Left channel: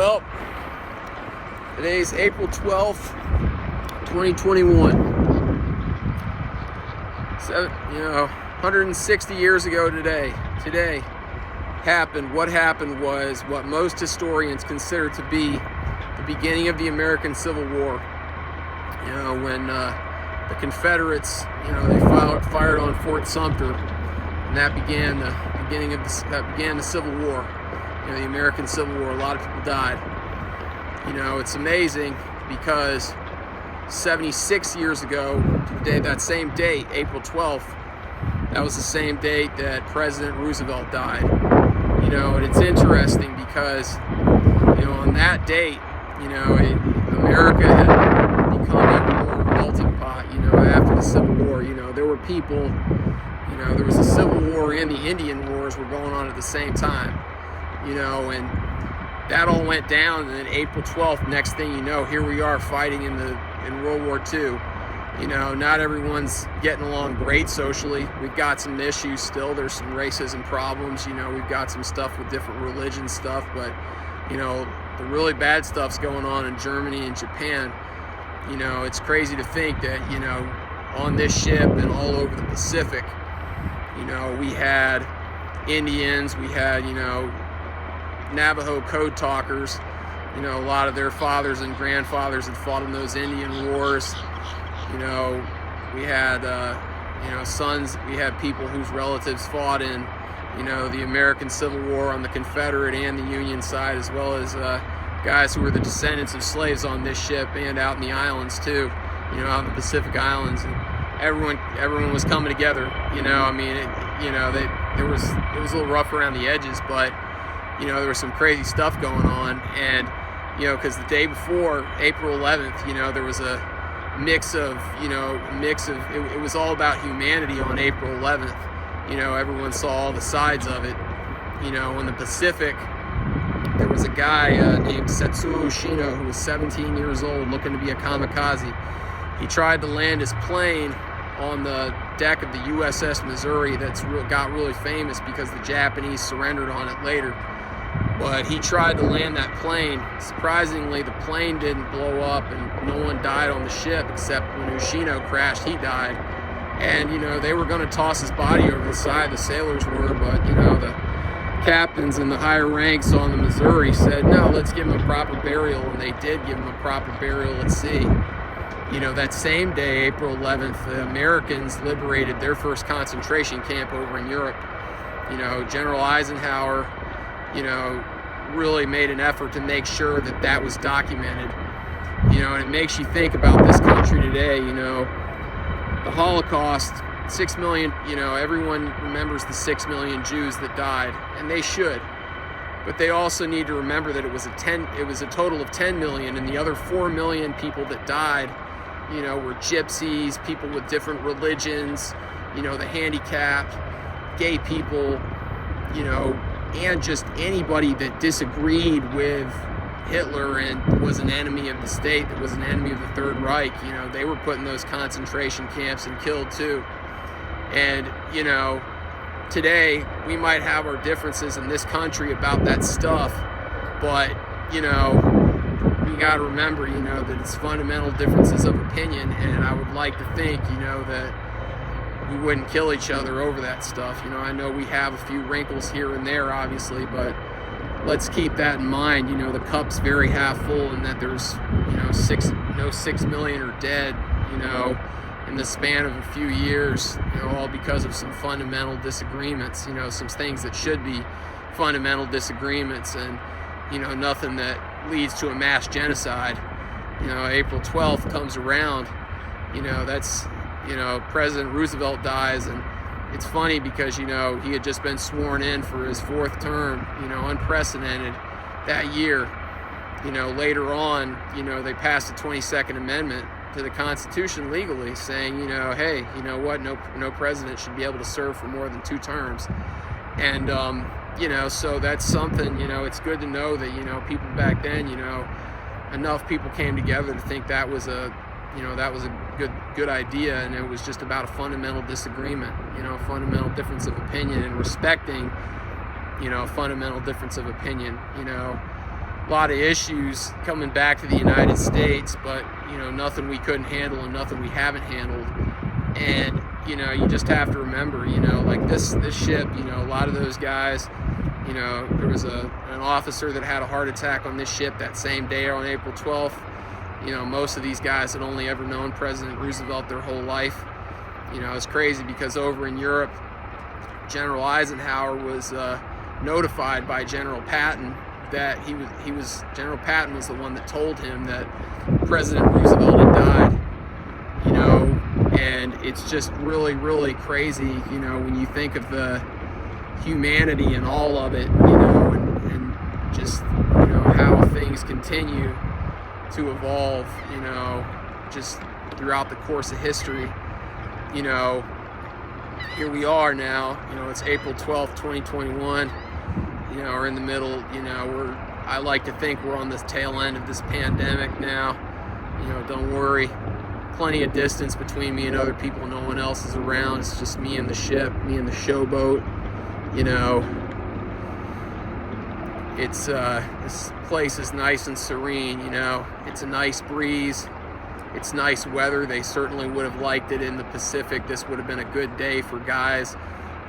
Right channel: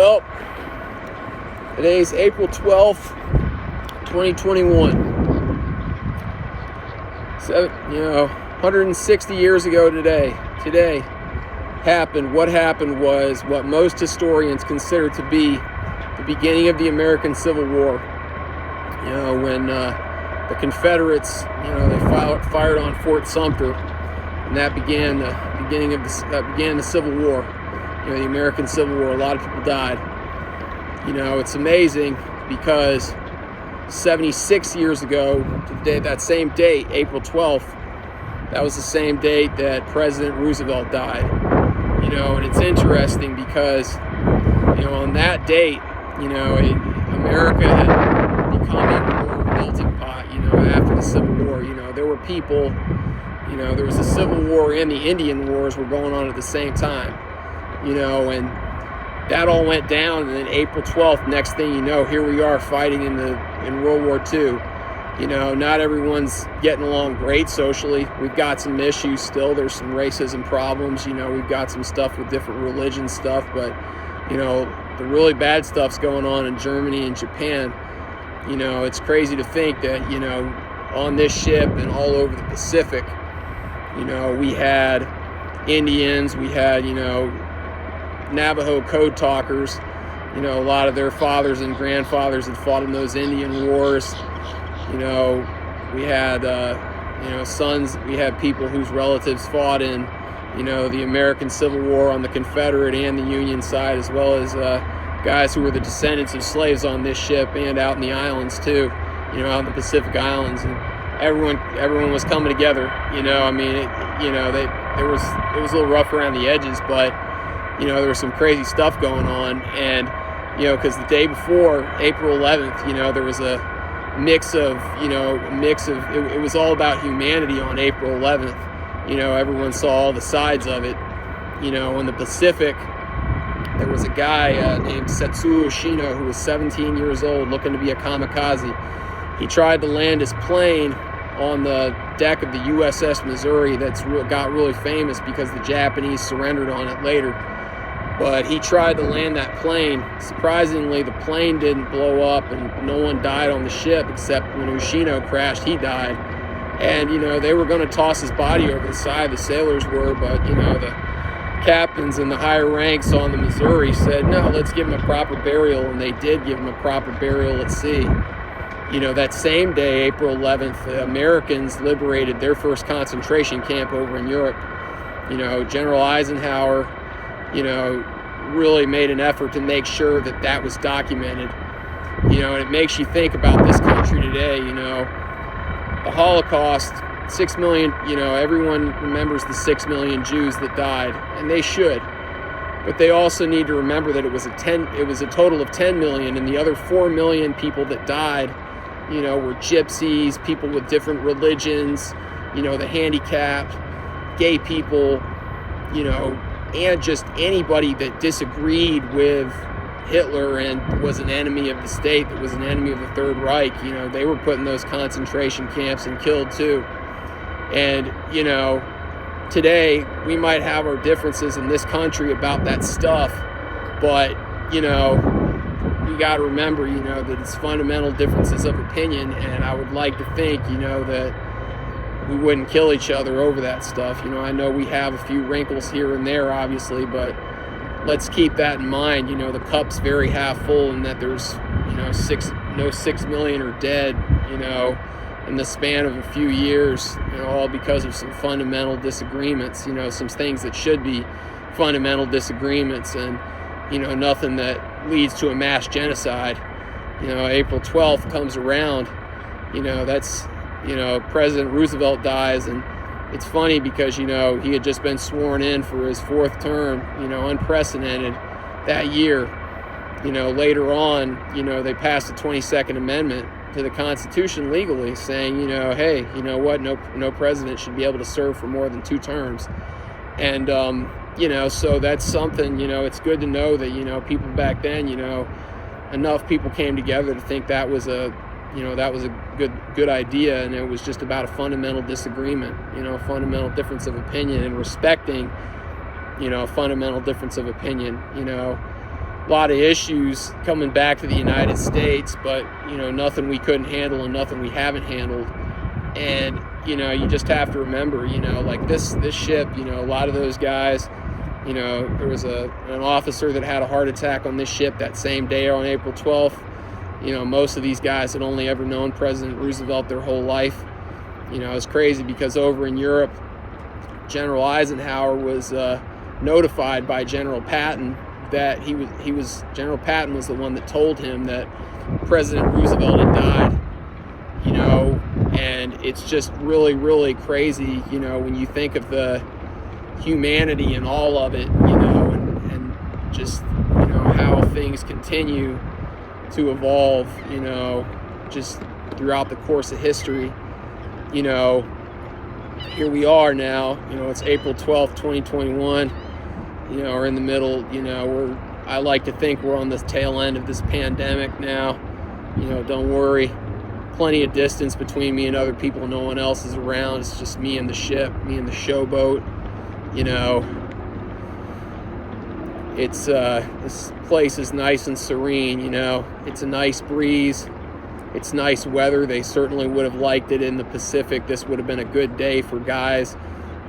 Well, today's April 12th, 2021. So, 160 years ago today happened. What happened was what most historians consider to be the beginning of the American Civil War. When the Confederates, they fired on Fort Sumter, and that began the Civil War. The American Civil War. A lot of people died. It's amazing because 76 years ago to the day, that same date, April 12th, that was the same date that President Roosevelt died. And it's interesting because, on that date, America had become even more of a melting pot, after the Civil War. There were people, there was a Civil War and the Indian Wars were going on at the same time, and that all went down. And then April 12th, next thing you know, here we are fighting in World War II. Not everyone's getting along great socially. We've got some issues still. There's some racism problems. We've got some stuff with different religion stuff, but the really bad stuff's going on in Germany and Japan. It's crazy to think that, on this ship and all over the Pacific, we had Indians, we had, Navajo code talkers. A lot of their fathers and grandfathers had fought in those Indian wars. We had, sons, we had people whose relatives fought in, the American Civil War on the Confederate and the Union side, as well as guys who were the descendants of slaves on this ship and out in the islands too, out in the Pacific Islands. And everyone was coming together. It was a little rough around the edges, but there was some crazy stuff going on. And because the day before, April 11th, there was a mix of it was all about humanity on April 11th. Everyone saw all the sides of it. In the Pacific, there was a guy named Setsuo Shino who was 17 years old, looking to be a kamikaze. He tried to land his plane on the deck of the U.S.S. Missouri got really famous because the Japanese surrendered on it later. But he tried to land that plane. Surprisingly, the plane didn't blow up and no one died on the ship, except when Ushino crashed, he died. And, they were going to toss his body over the side, the sailors were, but, the captains and the higher ranks on the Missouri said, no, let's give him a proper burial, and they did give him a proper burial at sea. That same day, April 11th, the Americans liberated their first concentration camp over in Europe. General Eisenhower, really made an effort to make sure that was documented. And it makes you think about this country today. The Holocaust, 6 million, everyone remembers the 6 million Jews that died, and they should. But they also need to remember that it was a total of 10 million, and the other 4 million people that died, were gypsies, people with different religions, the handicapped, gay people, and just anybody that disagreed with Hitler and was an enemy of the state, that was an enemy of the Third Reich. They were put in those concentration camps and killed too. And, today we might have our differences in this country about that stuff, but, we got to remember, that it's fundamental differences of opinion, and I would like to think, that we wouldn't kill each other over that stuff. I know we have a few wrinkles here and there, obviously, but let's keep that in mind. The cup's very half full, and that there's, 6 million are dead, in the span of a few years, all because of some fundamental disagreements, some things that should be fundamental disagreements, and, nothing that leads to a mass genocide. April 12th comes around, that's, President Roosevelt dies, and it's funny because, he had just been sworn in for his 4th term, unprecedented that year. Later on, they passed the 22nd Amendment to the Constitution legally, saying, hey, what, no president should be able to serve for more than 2 terms. And, so that's something, it's good to know that, people back then, enough people came together to think that was a good idea, and it was just about a fundamental disagreement, a fundamental difference of opinion, and respecting, a fundamental difference of opinion, a lot of issues coming back to the United States, but, you know, nothing we couldn't handle and nothing we haven't handled. And, you know, you just have to remember, you know, like this ship, you know, a lot of those guys, you know, there was an officer that had a heart attack on this ship that same day on April 12th. You know, most of these guys had only ever known President Roosevelt their whole life. You know, it's crazy because over in Europe, General Eisenhower was notified by General Patton that General Patton was the one that told him that President Roosevelt had died. You know, and it's just really, really crazy, you know, when you think of the humanity and all of it, you know, and just, you know, how things continue to evolve, you know, just throughout the course of history. You know, here we are now, you know, it's April 12th, 2021, you know, we're in the middle, you know, I like to think we're on the tail end of this pandemic now. You know, don't worry, plenty of distance between me and other people, no one else is around, it's just me and the ship, me and the showboat. You know, it's this place is nice and serene, you know, it's a nice breeze, it's nice weather. They certainly would have liked it in the Pacific. This would have been a good day for guys,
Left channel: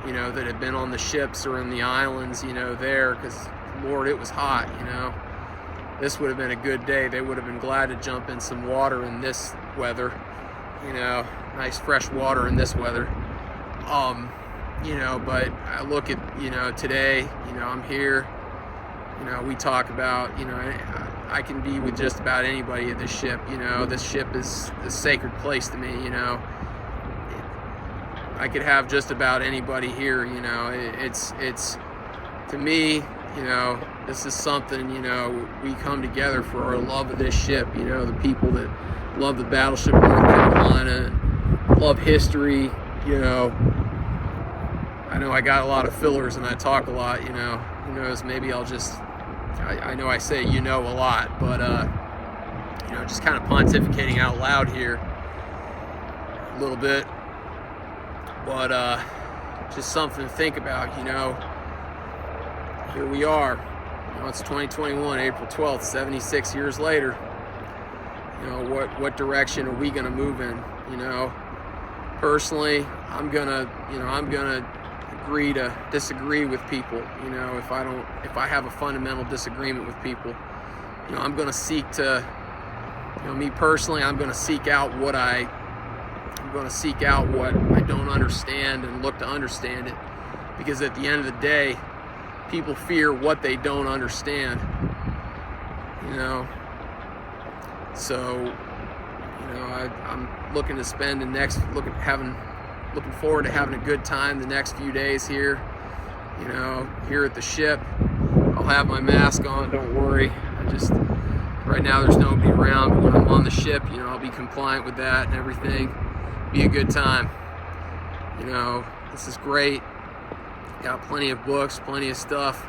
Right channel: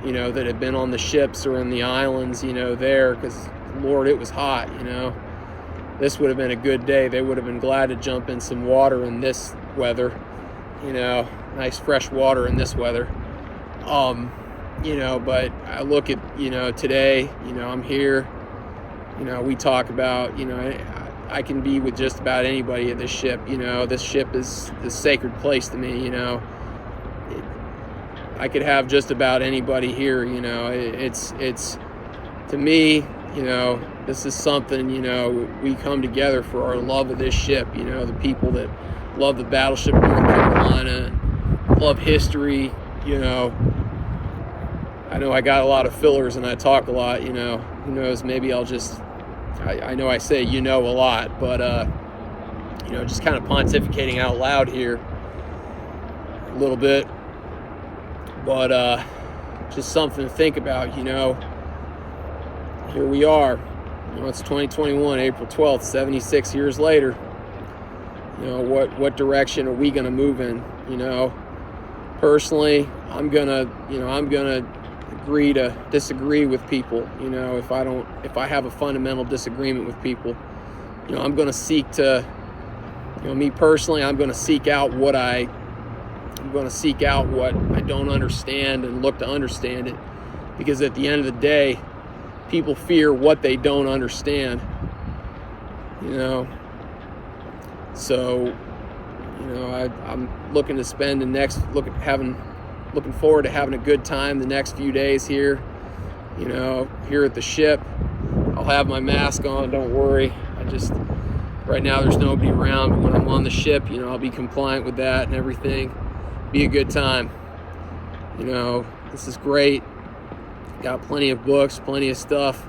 you know, that had been on the ships or in the islands, you know, there, because Lord, it was hot, you know. This would have been a good day. They would have been glad to jump in some water in this weather, you know, nice fresh water in this weather. You know, but I look at, you know, today, you know, I'm here, you know, we talk about, you know, I can be with just about anybody at this ship, you know, this ship is a sacred place to me, you know, I could have just about anybody here, you know, it's to me, you know, this is something, you know, we come together for our love of this ship, you know, the people that love the Battleship North Carolina, love history, you know. I know I got a lot of fillers and I talk a lot, you know, who knows, maybe I'll just, I know I say, you know, a lot, but, you know, just kind of pontificating out loud here a little bit, but, just something to think about, you know. Here we are, you know, it's 2021, April 12th, 76 years later. You know, what direction are we going to move in, you know? Personally, I'm going to agree to disagree with people, you know, if I have a fundamental disagreement with people, you know, I'm going to seek to, you know, me personally, I'm going to seek out what I don't understand and look to understand it, because at the end of the day, people fear what they don't understand, you know. So, you know, I'm looking to spend looking forward to having a good time the next few days here, you know, here at the ship. I'll have my mask on, don't worry. Right now there's nobody around, but when I'm on the ship, you know, I'll be compliant with that and everything. Be a good time. You know, this is great. Got plenty of books, plenty of stuff.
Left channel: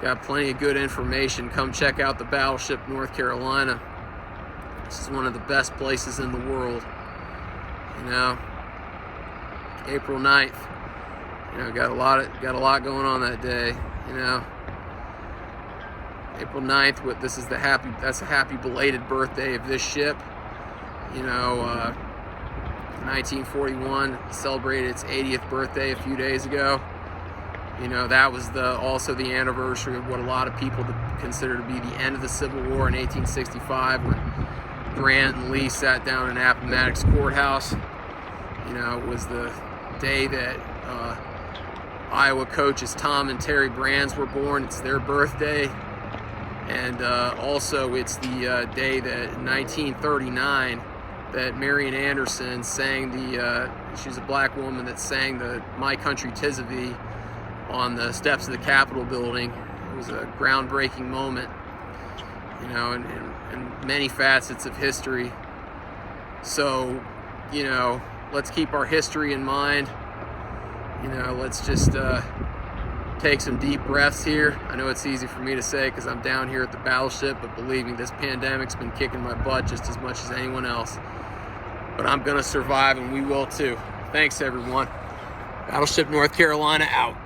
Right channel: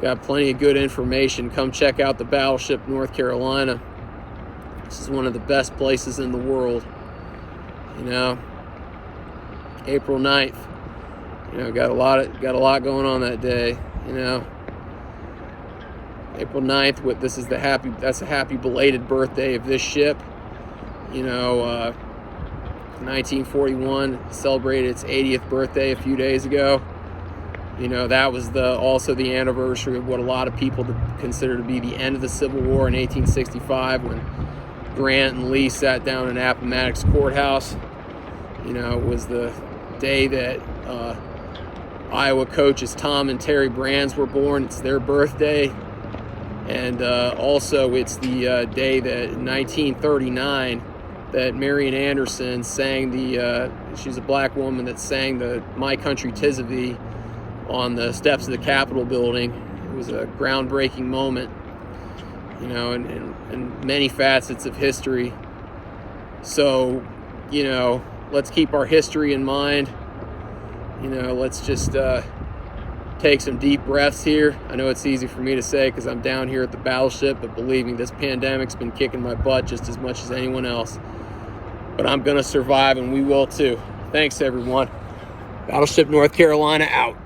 Got plenty of good information. Come check out the Battleship North Carolina. This is one of the best places in the world, you know. April 9th, you know, got a lot going on that day, you know. April 9th, that's a happy belated birthday of this ship. You know, 1941 celebrated its 80th birthday a few days ago. You know, that was also the anniversary of what a lot of people consider to be the end of the Civil War in 1865, when Grant and Lee sat down in Appomattox Courthouse. You know, it was the day that Iowa coaches Tom and Terry Brands were born. It's their birthday. And also it's the day that in 1939 that Marian Anderson sang she's a black woman that sang the My Country 'Tis of Thee on the steps of the Capitol building. It was a groundbreaking moment, you know, in many facets of history. So, you know, let's keep our history in mind. You know, let's just take some deep breaths here. I know it's easy for me to say because I'm down here at the Battleship, but believe me, this pandemic's been kicking my butt just as much as anyone else. But I'm going to survive, and we will too. Thanks, everyone. Battleship North Carolina out.